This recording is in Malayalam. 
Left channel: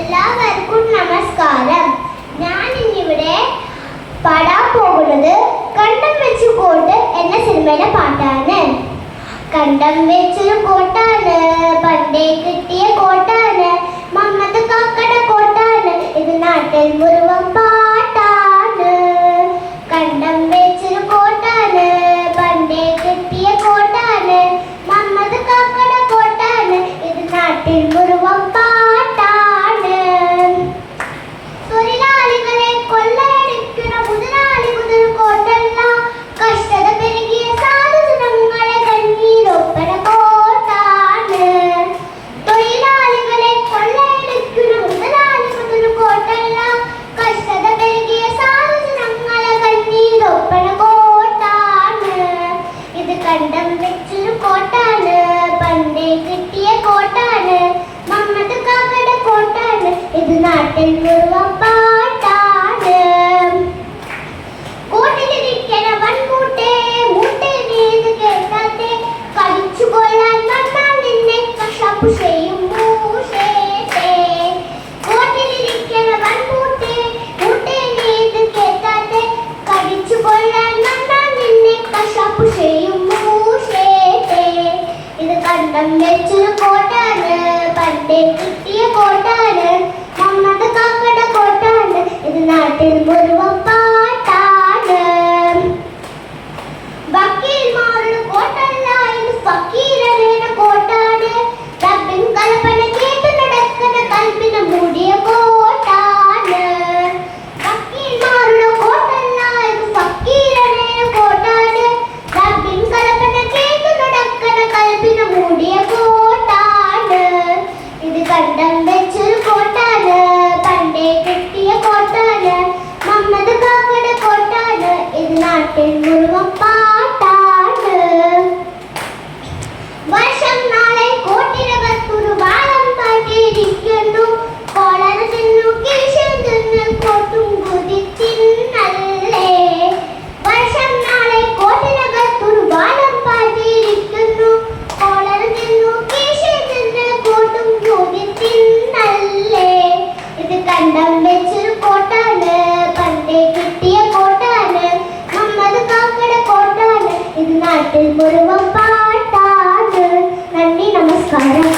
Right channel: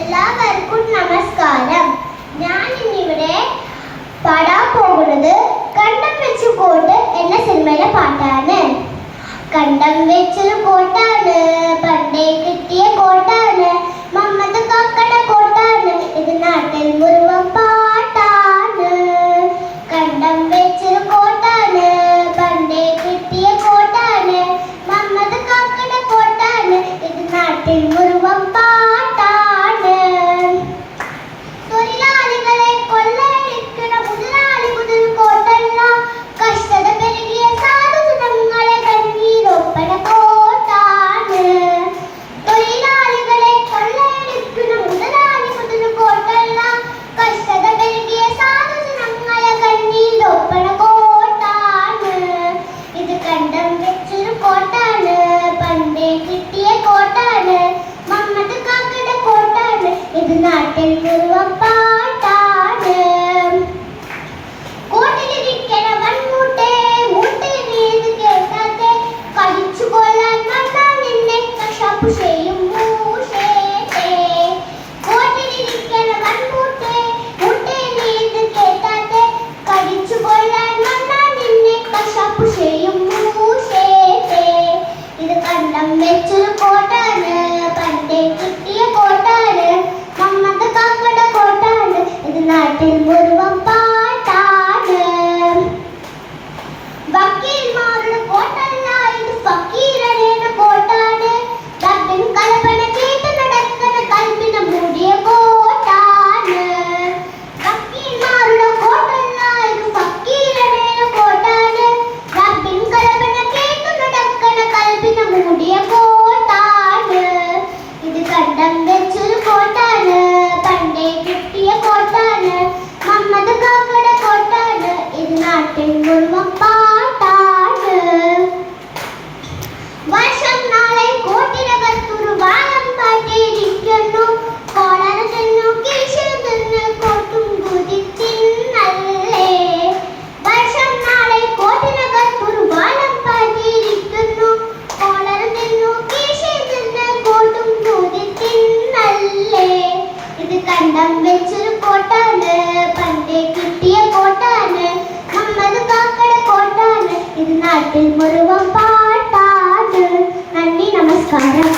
എല്ലാവർക്കും നമസ്കാരം. ഞാൻ ഇന്നിവിടെ പാടാൻ പോകുന്നത് കണ്ടം വെച്ചു കോട്ട് എന്ന സിനിമയിലെ പാട്ടാണ്. കണ്ടം വെച്ചൊരു കോട്ടാണ്, പണ്ടേ കിട്ടിയ കോട്ടാണ്, മമ്മദ് കാക്കയുടെ കോട്ടാണ്, ഇത് നാട്ടിൽ മുഴുവൻ പാട്ടാണ്. കണ്ടം വെച്ചൊരു കോട്ടാണ്, പണ്ടേ കിട്ടിയ കോട്ടാണ്, മമ്മദ് കാക്കയുടെ കോട്ടാണ്, ഇത് നാട്ടിൽ മുഴുവൻ പാട്ടാണ്. തൊഴിലാളികളെ കൊള്ളയടിക്കുന്ന മുതലാളി മുതൽ കോട്ടല്ല, കഷ്ടത പെരുകിയ സാധുജനങ്ങളെ കണ്ണീരൊപ്പന കോട്ടാണ്. തൊഴിലാളികളെ കൊള്ളയടിക്കുന്ന മുതലാളി മുതൽ കോട്ടല്ല, കഷ്ടത പെരുകിയ സാധുജനങ്ങളെ കണ്ണീരൊപ്പന കോട്ടാണ്. ഇത് കണ്ടം വെച്ചൊരു കോട്ടാണ്, പണ്ടേ കിട്ടിയ കോട്ടാണ്, മമ്മദ് കാക്കയുടെ കോട്ടാണ്, ഇത് നാട്ടിൽ മുഴുവൻ പാട്ടാണ്. കോട്ടിലിരിക്കണ വൻകൂട്ടെ മൂട്ടെ നീത് കേട്ടാത്തെ, കളിച്ചു കൊല്ലാൻ കണ്ടാൽ നിന്നെ കശാപ്പു ചെയ്യും മൂഷേട്ടെ. കോട്ടിലിരിക്കണ വൻകൂട്ടെ മൂട്ടെ നീത് കേട്ടാത്തെ, കളിച്ചു കൊല്ലാൻ കണ്ടാൽ നിന്നെ കശാപ്പു ചെയ്യും മൂഷേട്ടെ. ഇത് കണ്ടം വെച്ചൊരു കോട്ടാണ്, പണ്ടേ കിട്ടിയ കോട്ടാണ്, മമ്മദ് കാക്കയുടെ കോട്ടാണ്, ഇത് നാട്ടിൽ മുഴുവൻ പാട്ടാണ്. വക്കീൽമാരുടെ കോട്ടല്ല, ഇത് ഫക്കീരയുടെ കോട്ടാണ്, റബ്ബിൻ കൽപ്പന കേട്ട് നടക്കുന്ന കൽപ്പിന് മൂടിയ കോട്ടാണ്. വക്കീൽമാരുടെ കോട്ടല്ല, ഇത് ഫക്കീരയുടെ കോട്ടാണ്, റബ്ബിൻ കൽപ്പന കേട്ട് നടക്കുന്ന കൽപ്പിന് മൂടിയ കോട്ടാണ്. ഇത് കണ്ടം വെച്ചൊരു കോട്ടാണ്, പണ്ടേ കിട്ടിയ കോട്ടാണ്, മമ്മദ് കാക്കയുടെ കോട്ടാണ്, ഇത് നാട്ടിൽ മുഴുവൻ പാട്ടാണ്. വർഷം നാളെ കോട്ടിനകത്തൊരു വാളം പാട്ടിരിക്കുന്നു, കോളറ ചെന്നു കീശൽ നിന്ന് കോട്ടും കുതിച്ചിന്നല്ലേ. വർഷം നാളെ കോട്ടിനകത്തൊരു വാളം പാട്ടിരിക്കുന്നു, കോളറ ചെന്നു കീശൽ നിന്ന് കോട്ടും കുതിച്ചിന്നല്ലേ. ഇത് കണ്ടം വെച്ചൊരു കോട്ടാണ്, പണ്ടേ കിട്ടിയ കോട്ടാണ്, മമ്മദ് കാക്കയുടെ കോട്ടാണ്, ഇത് നാട്ടിൽ മുഴുവൻ പാട്ടാണ്. നന്ദി, നമസ്കാരം.